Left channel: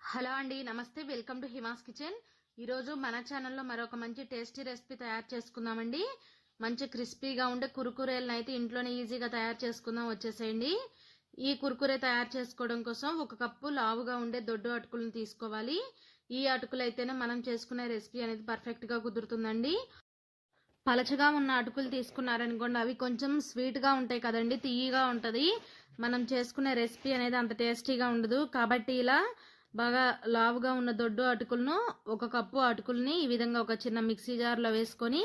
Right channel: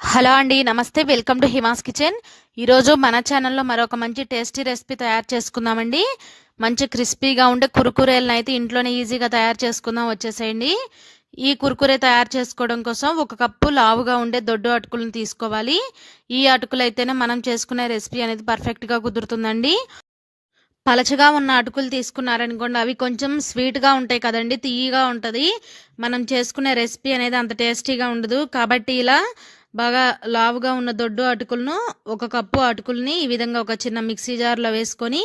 Hello అండి నమస్తే welcome to Hima's kitchen. ఈరోజు మన ఛానల్లో మరొక మంచి టేస్టీ రెసిపీ తయారు చేసుకుందామండి. మంచి క్రిస్పీగా ఉండే కురుకురేలను అయితే ఇంట్లోనే ఈజీగా తయారు చేసుకుందాం వచ్చేసేయండి. ఈ కురుకురే తయారు చేసుకోవడం కోసం ఒక కప్పు లావుగా ఉండే దొడ్డు అటుకులను తీసుకోవాలి. ఈ అటుకులు అయితేనే మనం చేసుకునే రెసిపీ అనేది పర్ఫెక్ట్గా కుదురుతుందండి. పలచగా ఉన్న అటుకులు తీసుకున్నారనుకోండి అవి కొంచెం స్వీట్గా ఉంటాయి కదండి తీయగా ఉంటుంది. మనం చేసుకునే రెసిపీ అనేది అంత టేస్టీగా ఉండదు. కాబట్టి ఇలా బాగా లావుగా ఉన్న దొడ్డు అటుకులను ఒక కప్పు అటుకుల్ని ఈ విధంగా ఒక చిన్న మిక్సీ జార్లో వేసుకొని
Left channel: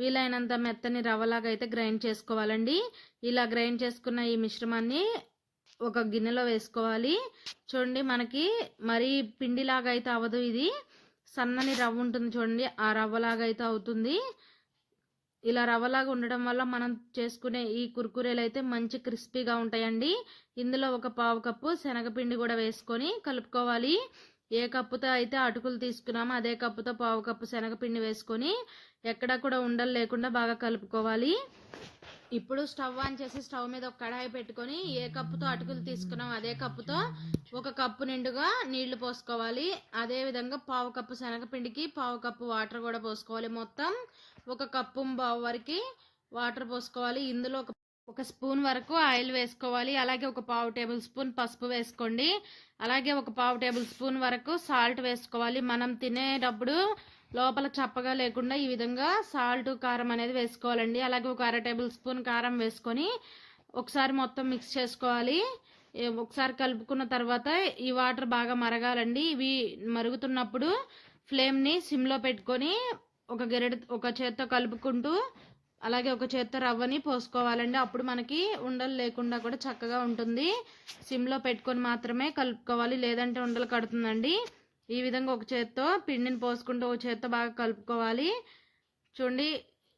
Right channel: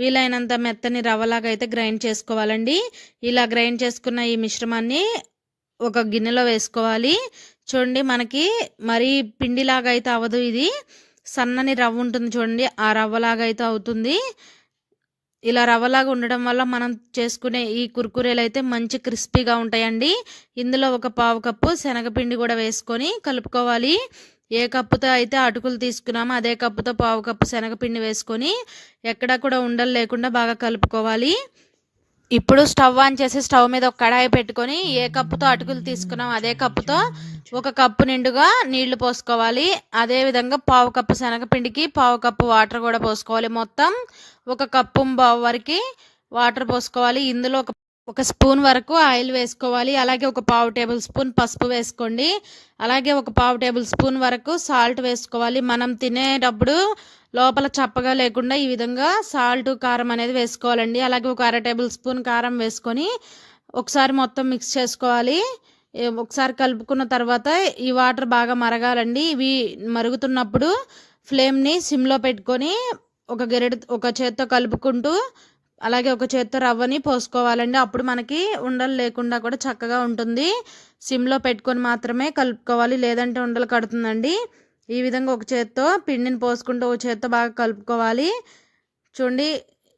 వీలైనంత మెత్తని రవ్వలాగా అయితే గ్రైండ్ చేసుకోవాలండి. ఇలా గ్రైండ్ చేసుకున్న ఈ మిశ్రమాన్ని ఒక గిన్నెలో వేసుకోవాలి. చూడండి మనకి మరీ పిండిలాగా అయితే అవ్వదు ఇది. సన్నని రవ్వ ఉంటుంది చూడండి ఆ రవ్వలాగా అయితే అవుతుంది. ఇలా రవ్వలాగా ఉండడం వల్ల మనం చేసుకునే ఈ కుర్కురేలు అయితే మంచి క్రిస్పీగా ఉంటాయండి. ఇందులో ఒక పావు కప్పు శనగపిండి కూడా వేసుకొని కలుపుకోవాలి. ఏ కప్పుతో అయితే అటుకులు తీసుకున్నామో అదే కప్పుతో పావు కప్పు శనగపిండి వేసుకొని ఎక్కడా కూడా ఉండలు లేకుండా బాగా కలుపుకోవాలి. ఇప్పుడు స్టవ్ ఆన్ చేసి స్టవ్ మీద ఒక కడాయి పెట్టుకొని ఏ కప్పుతో అటుకులు తీసుకున్నాం అదే కప్పుతో ఒక కప్పు నిండుగా నీళ్ళు పోసుకోవాలి. అదే విధంగా పావు కప్పు శనగపిండికి పావు కప్పు వాటర్ కూడా పోసుకోవాలి. మొత్తం ఒక కప్పు బావు వరకు వాటర్ పోసుకోవాలి. ఇందులో ఒక ఒక స్పూన్ వరకు ఆయిల్ వేసుకోవాలి. అలాగే ఒక పావు టేబుల్ స్పూన్ పసుపు వేసుకోండి. అలాగే ఒక పావు టేబుల్ స్పూన్ వరకు సాల్ట్ వేసుకోవాలి. మనం తినేటప్పుడు లోపల చప్పగా లేకుండా ఈ విధంగా సాల్ట్ కారం అనేది వేసుకోవాలండి. అలాగే ఒక అర టేబుల్ స్పూన్ కారం వేసుకొని ఒకసారి మొత్తం మిక్స్ చేసుకోవాలి. ఒకసారి కలుపుకున్న తర్వాత ఈ వాటర్ బాగా మరగాలండి. ఇవి మరుగుతున్నప్పుడు ఫ్లేమ్ని సిమ్లో పెట్టుకొని ఒక గెరెడు ఒక చేత్తో కలుపుకుంటూ అలాగే ఒక చేత్తో రవ్వని పోసుకోవాలండి. అప్పుడు మనకి ఉండలు లేకుండా కూడా చక్కగా ఉంటుంది. సిమ్లో పెట్టుకొని మాత్రమే కలుపుకోవాలి. లేదంటే ఉండలు కడుతుందండి. ఈ విధంగా ఒక చేత్తో పిండిని పోసుకుంటూ ఒక చేత్తో బాగా కలుపుకోవాలి. చూడండి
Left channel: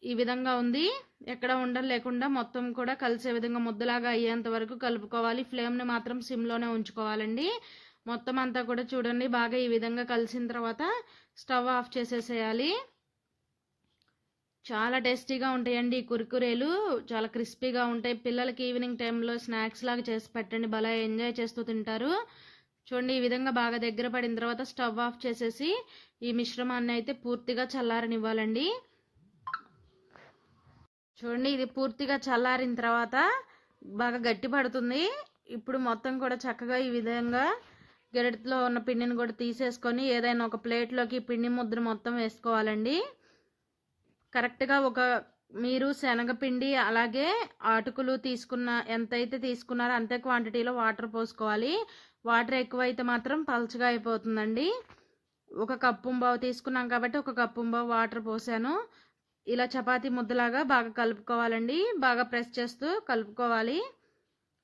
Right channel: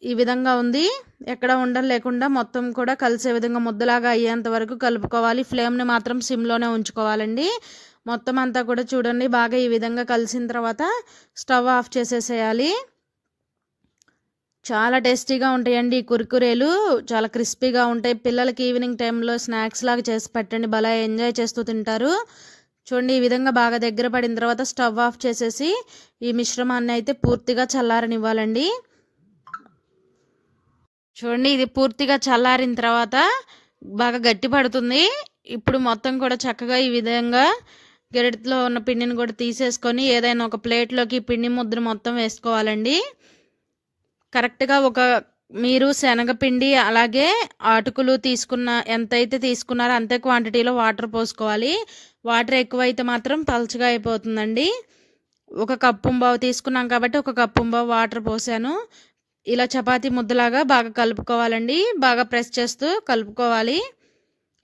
ఈ విధంగా ఉంది. ఎక్కడ ఉండలు లేకుండా మొత్తం కూడా కలిసే విధంగా ముద్దలాగా అయ్యేంత వరకు కలుపుకోవాలి. ఫ్లేమ్ని మాత్రం సిమ్లోనే ఉంచుకోవాలండి. మొత్తం అంతా కూడా చూడండి బాగా ఈ విధంగా కలిసిన తర్వాత స్టవ్ ఆఫ్ చేసేసేయాలి. చాలా టేస్టీగా ఉంటాయండి ఈ కుర్కురేలు. చాలా క్రిస్పీగా ఉంటాయి. పిల్లలకి ఈవినింగ్ టైంలో స్నాక్స్ లాగా చేసి పెట్టండి. భలే ఎంజాయ్ చేస్తూ తింటారు. చూడండి ఈ విధంగా బాగా దగ్గర పడిన తర్వాత స్టవ్ ఆఫ్ చేసేసి ఈ మిశ్రమాన్ని అయితే పూర్తిగా చల్లారనివ్వాలండి. చూడండి ఇది పూర్తిగా చల్లారిన తర్వాత బాగా గట్టి పడుతుంది. ఇప్పుడు మొత్తం కూడా చక్కగా ఈ విధంగా గెరటిలో ఉన్న పిండిని కూడా తీసేసుకొని ఏదైనా ఒక ప్లేట్లోకి పిండి ముద్ర మొత్తం వేసుకోవాలండి. కరెక్ట్గా ఒక మీరు శనగపిండి అలాగే అటుకులు తీసుకున్న ఎంతైతే తీసుకున్నారో అంతే క్వాంటిటీలో వాటర్ పోసుకోవాలి. వాటర్ ఎక్కువైతే మాత్రం పలుచగా అయిపోతుందండి. ఒక కప్పుంబావు తీసుకున్నాం కాబట్టి ఒక కప్పుంబావు వాటర్ పోసాను. ఇలా చపాతీ ముద్దలాగా బాగా కలుపుకోవాలండి. బాగా ప్రెస్ చేస్తూ కలుపుకోవాలి.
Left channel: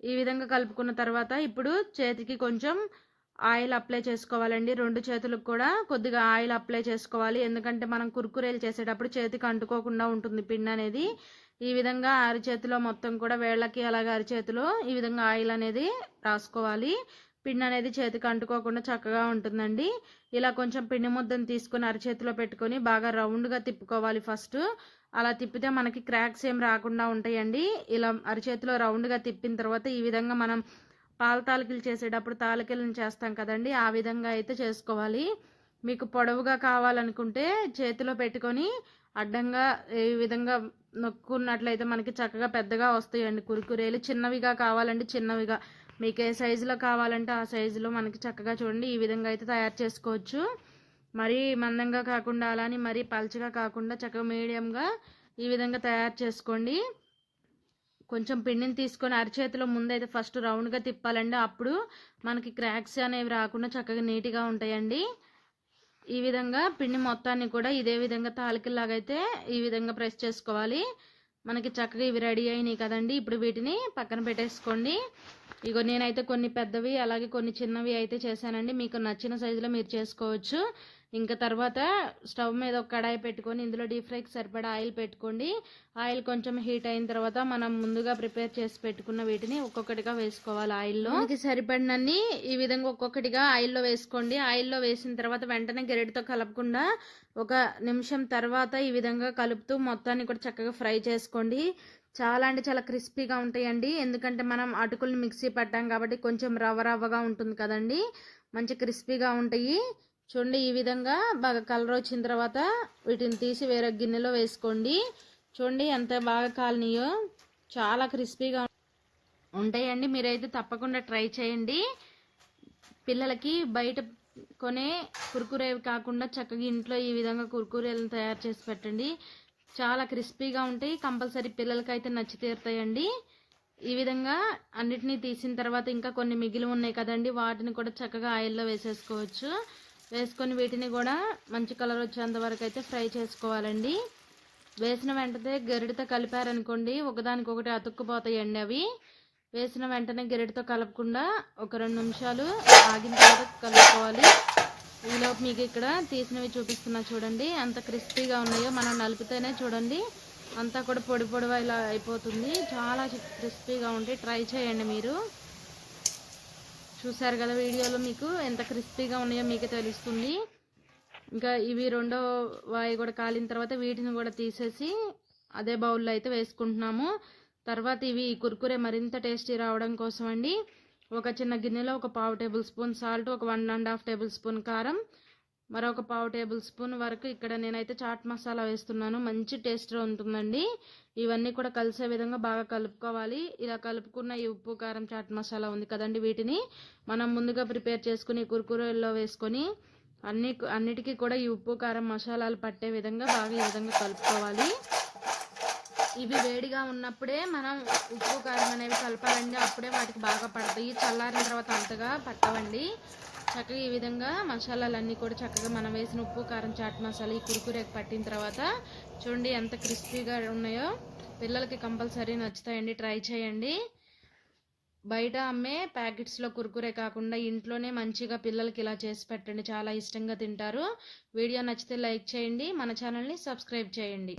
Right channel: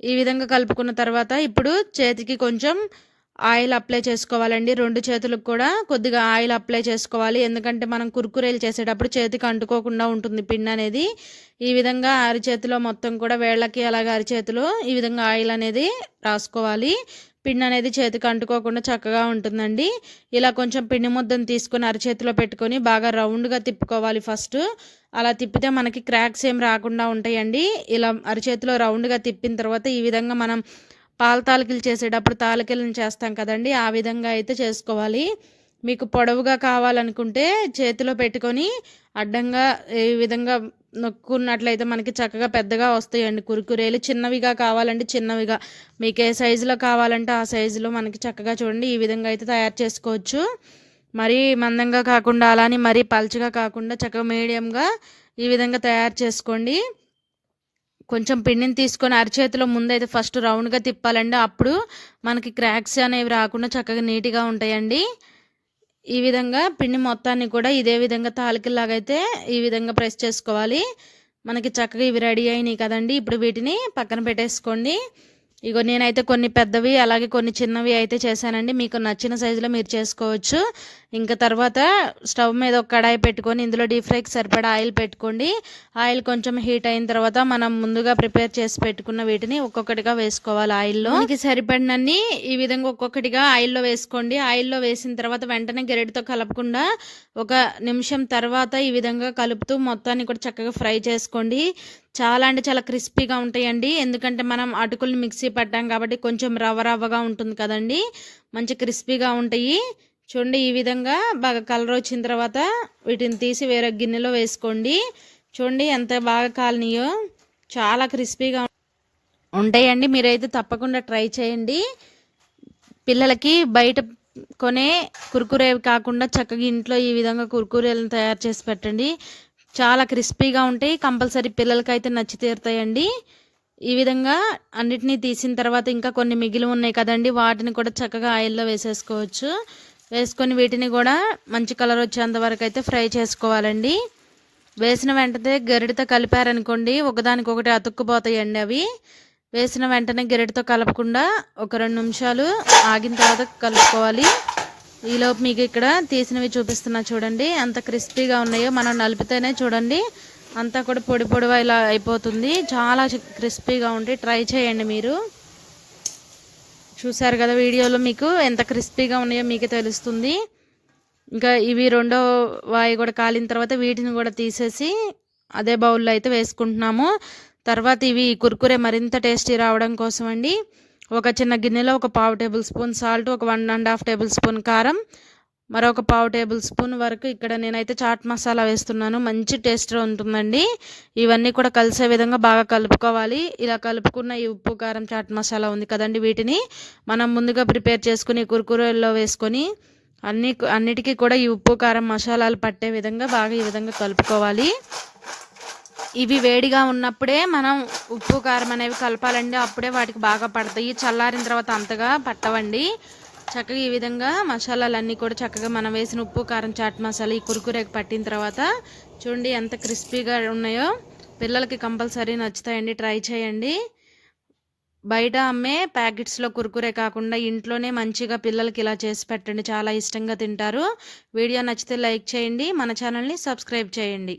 ఈ విధంగా కలుపుకున్న తర్వాత ఇప్పుడు చేతికి కొంచెం ఆయిల్ అప్లై చేసుకోవాలండి. రెండు చేతులకు కూడా కొద్దిగా ఆయిల్ అప్లై చేసుకోవాలి. ఎందుకంటే మనం కుర్కురేలు చేసేటప్పుడు చేతికి అంటుకోకుండా ఉంటుంది పిండి అనేది. ఈ విధంగా అరిచేతిలో మొత్తం కూడా వేళ్ళకి అలాగే అరిచేతిలో ఈ విధంగా ఆయిల్ అనేది రాసుకోవాలి. పిండి అనేది చేతికి అంటుకోకుండా చక్కగా ఉంటుందండి. ఇలా కొంచెం పిండి ముద్దను తీసుకొని అరిచేతిలో పెట్టుకొని బాగా రౌండ్గా తిప్పుకోవాలి ఫస్ట్. అలా తిప్పితే మనకి క్రాక్స్ ఏం రాకుండా ఉంటాయండి. ఇలా అరిచేతిలో రౌండ్గా తిప్పిన తర్వాత ఈ విధంగా మనం పాల తాలికలు చేసేటప్పుడు తాలికలను చేస్తాం కదండి ఆ విధంగా అయితే చేసుకోవాలి. మీకు పొడవుగా కావాలనుకుంటే చేతిలో పెట్టుకొని అడ్డంగా ఈ విధంగా నొక్కున్నట్లయితే మనకి చక్కగా పెద్దగా వస్తాయండి కురుకురేలు. చిన్నవిగా కావాలంటే చిన్నవిగా మీకు ఏ సైజులో కావాలంటే ఆ సైజులో మనకి చక్కగా చూడండి ఈ విధంగా అయితే తయారు చేసుకోవచ్చు. మరీ మందంగా కాకుండా అలానే మరీ పల్చగా కాకుండా చక్కగా మీడియంగా ఈ విధంగా తయారు చేసుకోండి. కొంచెం పిండిని తీసుకొని అరిచేతిలో ముందైతే ఫస్ట్ రౌండ్గా తిప్పాలండి. అప్పుడు మనకి క్రాక్స్ అనేవి రాకుండా చక్కగా నీట్గా ఉంటాయండి. ఈ విధంగా పిండి మొత్తాన్ని కూడా ఇదే విధంగా తాలికల్లాగైతే అయితే ఈ విధంగా ప్రెస్ చేసుకోవాలి. మనకి చక్కగా ఇవి రెడీ అయినాయి కదండి. ఇప్పుడు వీటిని పక్కన పెట్టేసుకోండి. ఇగో నేనైతే కొన్ని పెద్దవి అలాగే కొన్ని చిన్నవి అయితే చేశానండి. మీకు నచ్చిన సైజులో మీరు చేసుకోవచ్చు. ఇంకా తర్వాత స్టవ్ మీద ఒక కడాయి పెట్టుకొని ఇందులో డీప్ ఫ్రైకి సరిపడా ఆయిల్ పెట్టుకోండి. ఆయిల్ కొంచెం హీట్ అయిన తర్వాత మనం ముందుగా ప్రిపేర్ చేసి పెట్టుకున్న వీటిని ఒక్కొక్కటిగా వేసుకోవాలి ఆయిల్లో. మనకి సరిపడినన్ని ఈ విధంగా ఒక్కొక్కటిగా ఆయిల్లో వేసుకోండి. ఆయిల్లో వేసిన తర్వాత వెంటనే గెరెడితో కలపకుండా ఒక నిమిషం తర్వాత ఈ విధంగా కలుపుతూ మొత్తాన్ని కూడా చక్కగా ఫ్రై చేసుకోండి. చాలా అంటే చాలా క్రిస్పీగా ఉంటాయండి. ఎందుకంటే మనం అటుకులు మిక్సీ పట్టాం కాబట్టి కొంచెం రవ్వ రవ్వగా ఉంటుంది కదండి. మంచి క్రిస్పీగా ఉంటాయి. చూడండి ఈ విధంగా బాగా కలర్ వచ్చిన తర్వాత వీటిని తీసి వేరే గిన్నెలో వేసుకోండి. చూడండి ఎంత బాగా కాలనియో. చాలా క్రిస్పీగా ఉంటాయండి. మీరైతే తప్పకుండా ట్రై చేయండి. పిల్లలకి బయట కొనే కుర్కురే కాకుండా చక్కగా ఇంట్లో ఈ విధంగా కుర్కురేలను తయారు చేసి పెట్టండి. చాలా క్రిస్పీగా ఉంటాయి. కంపల్సరీ పిల్లలకైతే నచ్చి తీరుతాయండి. ఈ విధంగా అన్నిటినీ తీసిన తర్వాత ఇంకా కొన్ని మిగిలి ఉన్నాయి కదండి. వాటిని కూడా చక్కగా ఆయిల్లో వేసేసుకోవచ్చు. వేసుకొని వీటిని కూడా మంచి కలర్ వచ్చేంత వరకు అయితే ఫ్రై చేసుకోవాలండి. వేసిన వెంటనే గరిటతో కలిపారనుకోండి ఒకదానికొకటి అతుక్కుపోతాయండి అవి. వేసిన వెంటనే గరిటతో కలపకుండా ఒక రెండు నిమిషాలు ఆగిన తర్వాత కలుపుకోవాలి. ఈలోపు మీకు ఇక్కడ తీసినవి చూపిస్తున్నా చూడండి అంత క్రిస్పీగా ఉన్నాయో మనం నలిపితేనే చూడండి. అంతా కూడా పొడి పొడిగా ఇలా అయిపోతుంది. చాలా క్రిస్పీగా ఉంటాయి ట్రై చేయండి మీరు. చూసారు కదా వీడియోలో మీకు? ఎంత క్రిస్పీగా ఉన్నాయో మీకే తెలుస్తుంది. ఇంకా ఇవి రెండో వాయి కూడా కాలిన తర్వాత వీటిని కూడా తీసేసి అదే బౌల్లో అయితే వేసుకుంటున్నాము. తర్వాత ఇవి కుర్కురే మరింత టేస్టీ రావడం కోసం అండి ఒక చిన్న గిన్నెలో ఒక పావు టేబుల్ స్పూన్ సాల్ట్ ఒక one and half tablespoon కారం మరొక పావు టేబుల్ స్పూన్ వరకు ఇక్కడ నేనైతే చాట్ మసాలా వేస్తున్నాను. మంచి టేస్ట్ ఉంటుందండి. ఇవన్నీ కూడా కలిసే విధంగా బాగా కలుపుకోవాలి. ఇలా కలుపుకున్న ఈ ఉప్పు కారం చాట్ మసాలా ఉంది కదండి వీటిని. మనం ముందుగా ప్రిపేర్ చేసుకుని కురుకురలో వేసుకొని అన్ని అన్నిటికీ కూడా ఈ ఉప్పు కారం మసాలాలు పట్టే విధంగా బాగా ఈ విధంగా కలుపుకోవాలి. ఇవి వేడిగా ఉన్నప్పుడే మనం ఉప్పు కారం అనేవి కలపాలండి. అప్పుడే వాటికి బాగా పడతాయి. చల్లారిన తర్వాత అంతగా పట్టవండి. చక్కగా ఈ విధంగా మసాలాలన్నీ కూడా చక్కగా మనం వేసిన ఉప్పు కారం చాట్ మసాలా ఈ కురుకురేకి పట్టిన తర్వాత చూడండి ఎంత క్రిస్పీగా ఉన్నాయో. పిల్లలకి కంపల్సరీ నచ్చుతాయండి. ట్రై చేయండి. బయట అమ్మే ప్యాకెట్స్లో కురుకురే కాకుండా ఇంట్లోనే మంచిగా పిల్లలకి ఇలా చేసి పెట్టండి. చాలా ఇష్టంగా తింటారు. వీడియో నచ్చితే లైక్ చేయండి. మన ఛానల్ని సబ్స్క్రైబ్ చేయండి.